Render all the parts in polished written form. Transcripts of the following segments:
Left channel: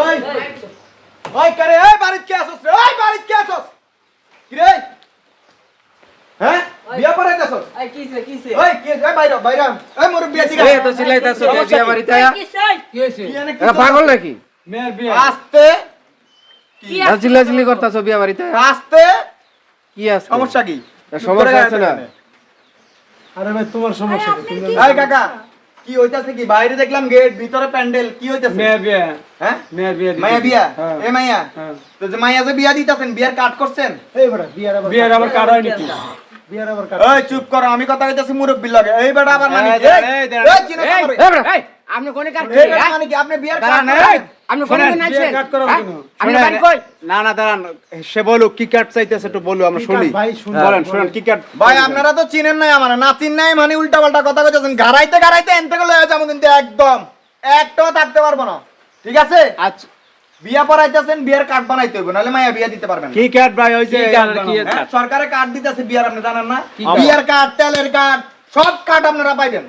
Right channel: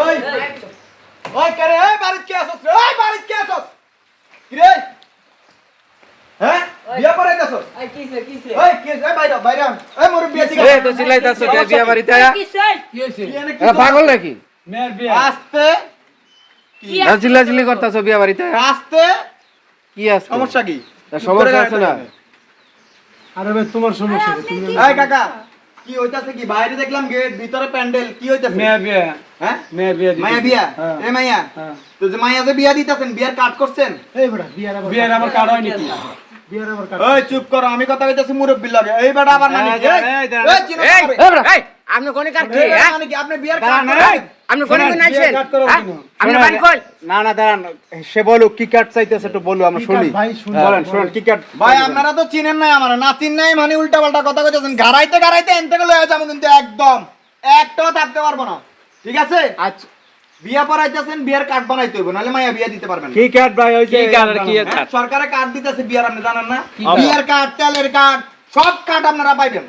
ওই ওই করে এই বাড়িতে কে আসছ রে ওই বাড়িতে কে আসছ কি রে হ্যাঁ বিয়া পড়াইতাছস এই কিসে ওই কে রে বাইরে বাইরে এই মোর বিয়া দিগা এই তো চিল্লাইতাছ বিয়া বাড়িতে আয়া কি হইছে এরা পাগল নাকি মেয়ের বিয়ে আস্তে আর চিল্লাচিল্লি করতাছ বিয়া বাড়িতে আয়া? আস্তে কি আছে সমস্যা কি সমস্যা আছে না আরে ভাই তোমার সমস্যা কি তুমি এই কাকা কি হইতাছে কি বাইরে দেখলাম গেট ভিতরে প্যান্ডেল কি হইতাছে মেয়ের বিয়ে হ্যাঁ মেয়ের বিয়ে মাইয়া বিয়া হ্যাঁ। এ মাইয়া হ্যাঁ। তো যে মাইয়া যে বিয়া দিতাছেন বিয়ার কাট করছেন এই বড় বিয়ের আবার কার্ড হয় নাকি বিয়ের আবার কার্ড ওই চুপ করো আমি কথা কইতাছি মুরব্বির লাগে এই বেটা আবার মানে এই দাঁড়ান, এই দাঁড়ান। এই চিনো এই করে। এই বড়, এই আপনি কোনে কাট কি হ্যাঁ মানে কি আপনি বিয়ার দাঁড়ান, কাট এই, আপনি কোনে কোনে আইছেন কাট করো হ্যাঁ? কেন? আপনি বাড়ি কই না না দাঁড়ান সে বলো কি কাট চাইতেছে একটু বলো আমরা কি শুনি কাট ভাই, শুনি। বলেন শুনেন কি কাট ভাই আপনারা তো চিনেন নাই আমার না চিন নাই মানে উল্টা পাল্টা কথা কইতাছেন গারাইতে গারাইতে এন থেকে লয়ে যাবো কিন্তু একদম একটাও থাকতে পারবো না ঠিক আছে আচ্ছা বিয়া পড়াইতেছেন বিয়ার কার্ড বানাইতে হইব নাহলে মাইয়া বিয়া দিতে পারবেন না। কি কাট ভাই ওই যে কি কাট আর কি এর হ্যাঁ, কাট? সরকারে কার্ড দিতেছে বিয়ার আপনি জানেন না কার্ড? বিয়ার কার্ড তেলের কার্ড সব কার্ড আপনারা পাইবেন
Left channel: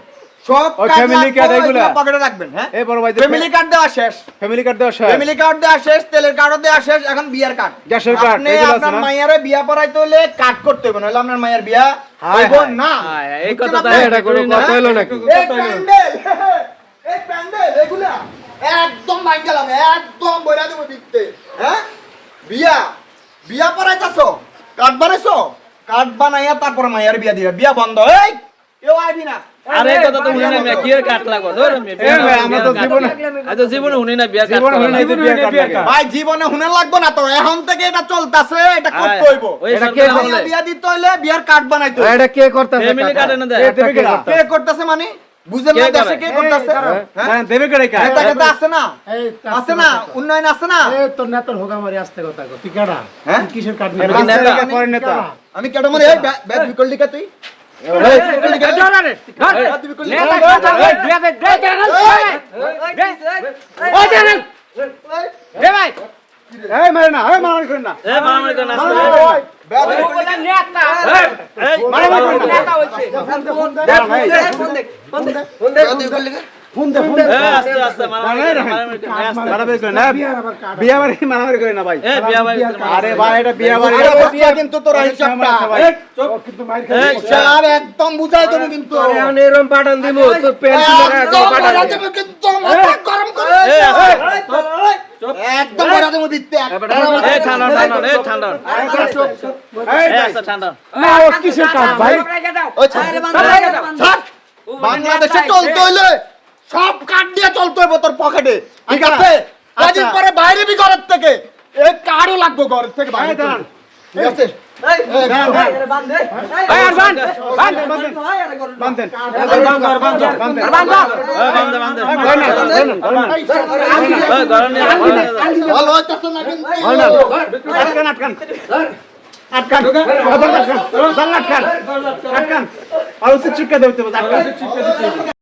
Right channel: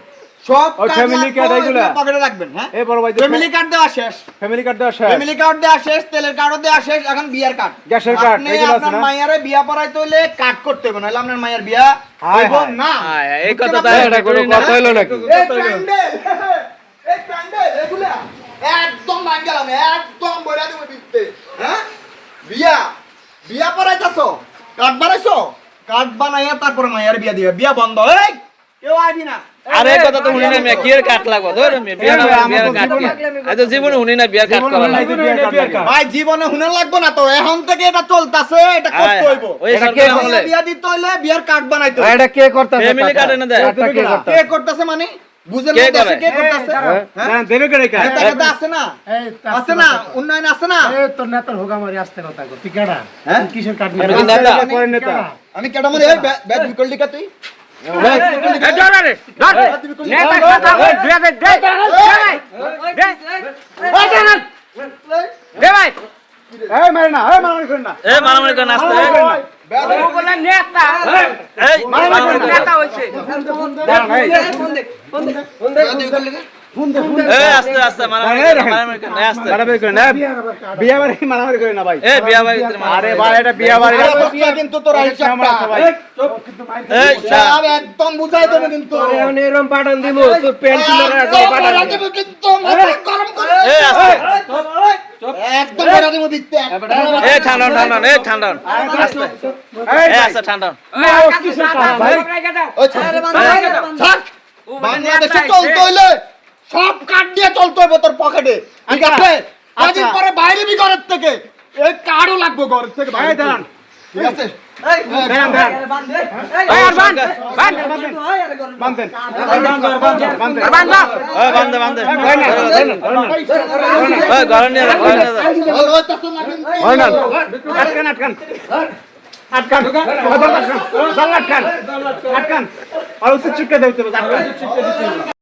সব ওই কার্ড family card এগুলা? পকেটে রাখবেন হ্যাঁ এই বড় ভাই ফ্যামিলি কার্ড দেওয়া শেষ ফ্যামিলি কার্ড দেওয়া শেষ ফ্যামিলি কার্ড দেওয়া শেষ তেলের কার্ডও দেওয়া শেষ এখন বিয়ার কার্ড গ্যাসের card, আপনি এগুলো আছে আপনার না? মাইয়ারে বিয়া পড়াইতে হলে কার্ড করতে হবে নাহলে আপনার মাইয়ার বিয়া হায় হইব হায়। না হায় হায়, এই কথা তো বুঝতে এটা কোনো পারছেন? কথা হইলো নাকি এই প্যান্ডেল এই প্যান্ডেল এগুলা একদম ভাঙ গেলাম একদম বইরা দেবো বিকতে হ্যাঁ বিয়া বিয়া পড়াইতাছো কার্ড বানাইছো কার্ড বানাইয়া তারপর মাইয়ার বিয়া দিবে বিয়া বন্ধ এই কেউ আইবি না আরে এই কথা তো শুনি না মিয়া কি এর কাট লাগবো ধর মিয়া বিয়া ভাই, আমার তো কাট জীবনে- আজ জীবনে শুনি না বিয়া কাট জীবনে করা শুনি নাই লাগবে যে বিয়ার কাট লাগে। ভাই জীবনে হুনে লাগবো না তো এখন থেকে এটা চলতেছে এটা করতে হইব ওই এটা সরকার কে আমলে বিয়া দিতে হইলে বিয়ার কার্ড বানাইতে হইব এটা কে করতেছে ফ্যামিলি কার্ড এনে দেয় এটা কে করতে কে করতেছে মানে বুঝেন কে না দেশে করে? কে করতেছে না দেবে করে কাট এটা কিন্তু আছে না এই আছে না উন্নয়ন আছে না এই তোর নেতার হোগা মারি আসতে কথা কো তুই কেডা হ্যাঁ? তুই কিসের কার্ড আমি নিবি কি নেতা? পরের নেতা আমি কেডা মরে এই ব্যাট বিকল দিকা তুই এই মারে না এই মারামারি করেন না এই মারামারি করে নাচতে ব্যাট এই মারামারি করেন না দাঁড়ান, এই, এই আস্তে আস্তে মারামারি করে না আস্তে মারামারি করেন না বিয়া বাড়ি মারামারি করেন না ভাই এই বিয়া বাড়ি আরে ভাই এটা বিয়া বাড়ি আরে বসিয়া কিন্তু তোর হিসাবটা ভাই এই আর একদম বুঝাই দেব কিন্তু এরম পাঠান দিব তোর প্যান্ট একদম বড়া দেব কিন্তু মাথা গরম করে এই আস্তে একদম বড়া দেব দিতে এই ঠান্ডা ঠান্ডা এই ঠান্ডা এই এই ভাই আস্তে ঠান্ডা না ও কিসের কাট ভাই ওই ছাড় বাংলাদেশে চলতে হইলে সব কার্ড দিয়ে চলতে হইব তোর পকেটে ঠিক আছে কদিন পরে বাইরে বি ঘরের থেকে এই কার্ডও লাগবে ঘরের থেকে বাইরে এই দাঁড়ান। ঠিক আছে দাঁড়ান দাঁড়ান এই আর বান বান্ধেন আর বান এই বান্দে বান্দে এই গরম নিয়ে ভালো হইতাছে না কিন্তু আটকান আটকান আটকান আটকান আটকান আটকান আর উচিত চুক্কা দিতে হবে আটকান